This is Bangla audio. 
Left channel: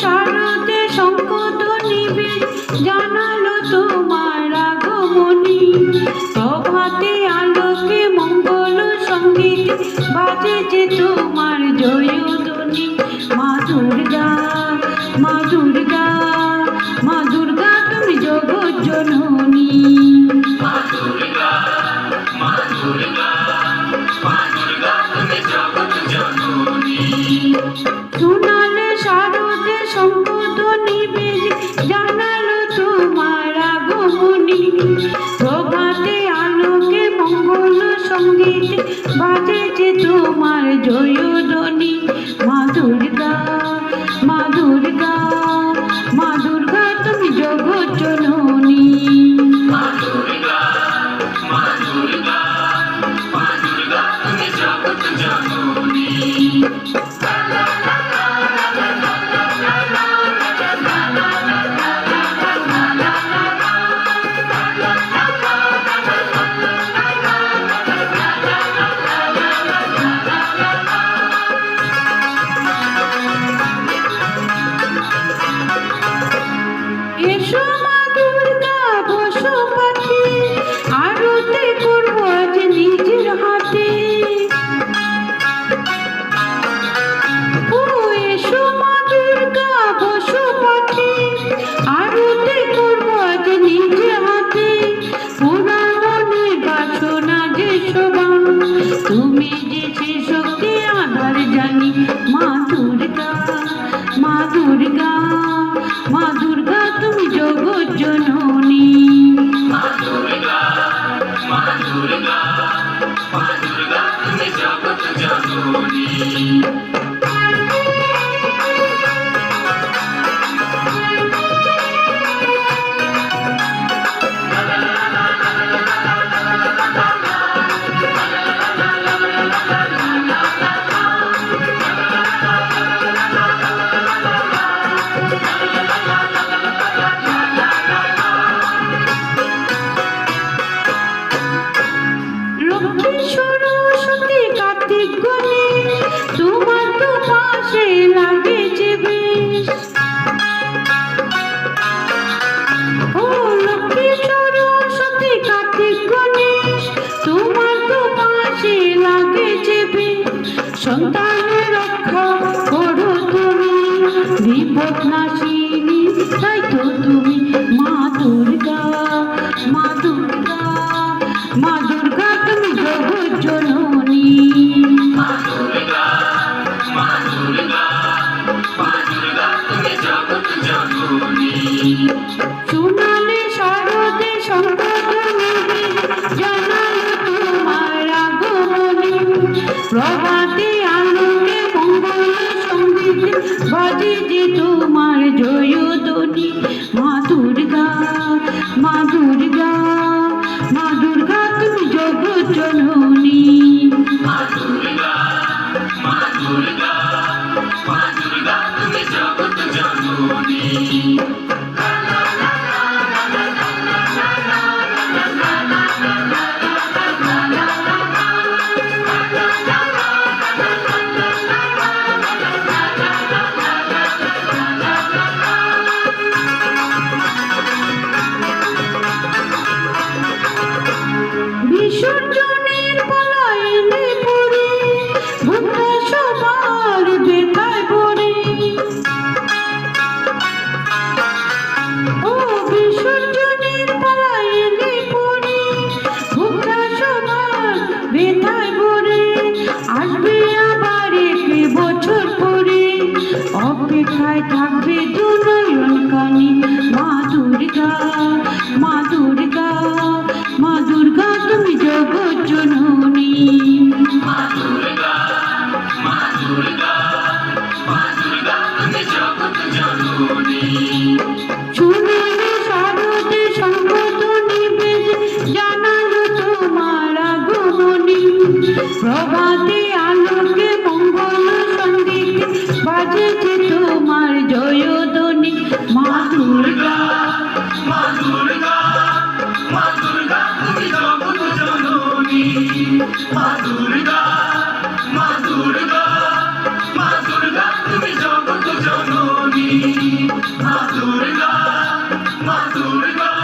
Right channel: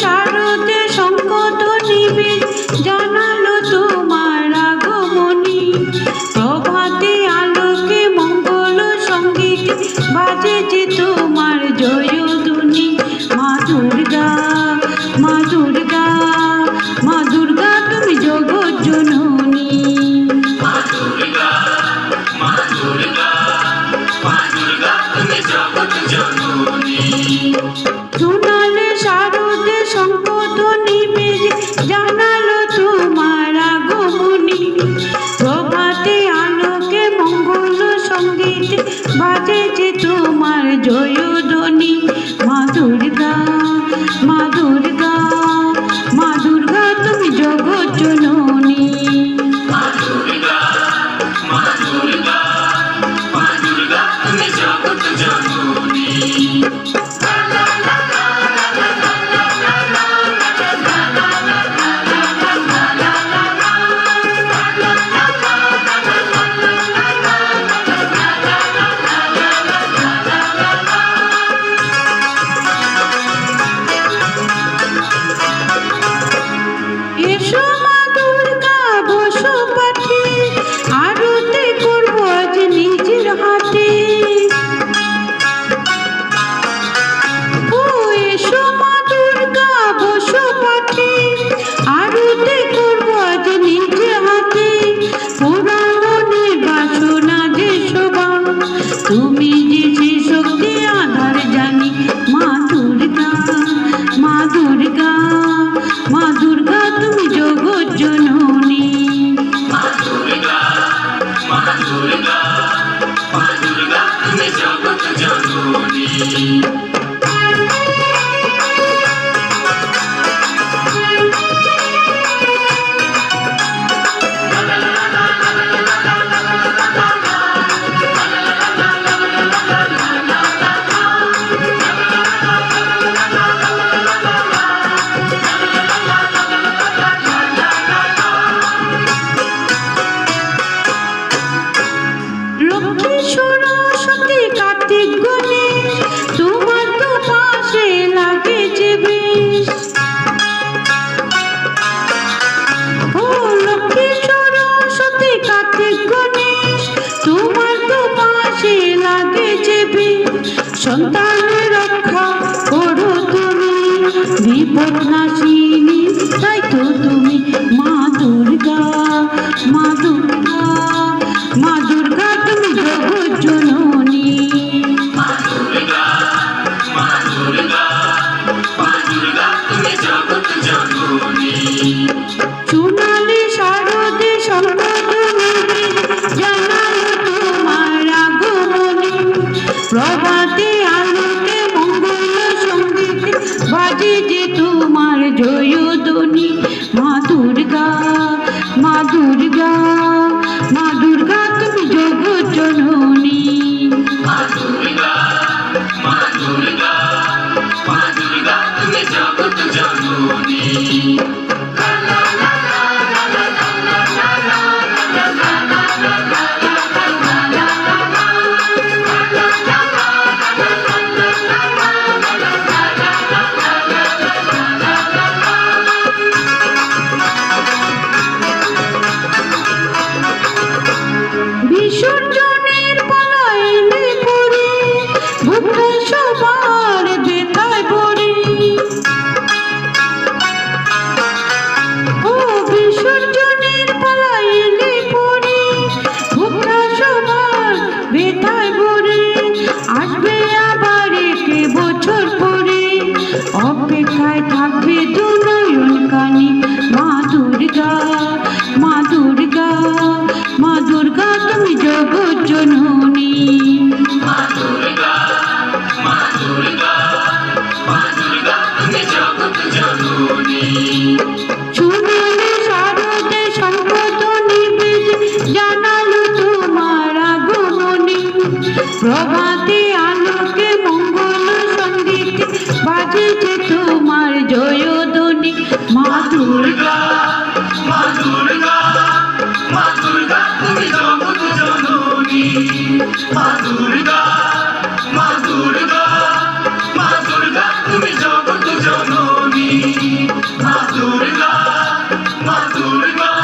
শারদে শঙ্খধ্বনি নিবে জানালো তোমার আগমনী। প্রভাতে আলোকে মঙ্গল সঙ্গীত বাজে যে তোমার জয়ধ্বনি। মা দুর্গা, মা দুর্গা, মা দুর্গা তুমি জগৎ জননী। মা দুর্গা, মা দুর্গা, মা দুর্গা তুমি জগৎ জননী। শোনালে শারদে শঙ্খধ্বনি বেজে জানালো তোমার আগমনী। প্রভাতে আলোকে মঙ্গল সঙ্গীত বাজে যে তোমার জয়ধ্বনি। মা দুর্গা, মা দুর্গা, মা দুর্গা তুমি জগৎ জননী। মা দুর্গা, মা দুর্গা, মা দুর্গা তুমি জগৎ জননী। এসো মা দুর্গা বসো পাঠে, আরতি করবো আজ নিজের হাতে। ও এসো মা দুর্গা বসো পাঠে, আরতি করবো আজ নিজের হাতে। পুরাণ মনে বাসনা যে সবান, তুমি যে সে শক্তি আধার জানি। মা দুর্গা, মা দুর্গা, মা দুর্গা তুমি জগৎ জননী। মা দুর্গা, মা দুর্গা, মা দুর্গা তুমি জগৎ জননী। লক্ষ্মী সরস্বতী কার্তিক গণেশ তোমার তো পাশে লাগেছে বেশ। ও লক্ষ্মী সরস্বতী কার্তিক গণেশ তোমার তো পাশে লাগেছে বেশ। সন্তানের রক্ষা করো তুমি, বিপদ নাশিনী তাই তো তুমি। মা দুর্গা, মা দুর্গা, মা দুর্গা তুমি জগৎ জননী। মা দুর্গা, মা দুর্গা, মা দুর্গা তুমি জগৎ জননী। শোনালে শারদে শঙ্খধ্বনি জানালো তোমার আগমনী। প্রভাতে আলোকে মঙ্গল সঙ্গীত বাজে যে তোমার জয়ধ্বনি। মা দুর্গা, মা দুর্গা, মা দুর্গা তুমি জগৎ জননী। মা দুর্গা, মা দুর্গা, মা দুর্গা তুমি জগৎ জননী। বিসর্জনের পালায় এলে পরে বুকটা সবার ব্যথায় ভরে। ও বিসর্জনের পালায় এলে পরে বুকটা সবার ব্যথায় ভরে। আসবে আবার একটি বছর পরে, অপেক্ষায় থাকবে দু নয়ন কানি। মা দুর্গা, মা দুর্গা, মা দুর্গা তুমি জগৎ জননী। মা দুর্গা, মা দুর্গা, মা দুর্গা তুমি জগৎ জননী। শোনালে শারদে শঙ্খধ্বনি বেজে জানালো তোমার আগমনী। প্রভাতে আলোকে মঙ্গল সঙ্গীত বাজে যে তোমার জয়ধ্বনি। মা দুর্গা, মা দুর্গা, মা দুর্গা তুমি জগৎ জননী। মা দুর্গা, মা দুর্গা, মা দুর্গা তুমি জগৎ জননী। মা দুর্গা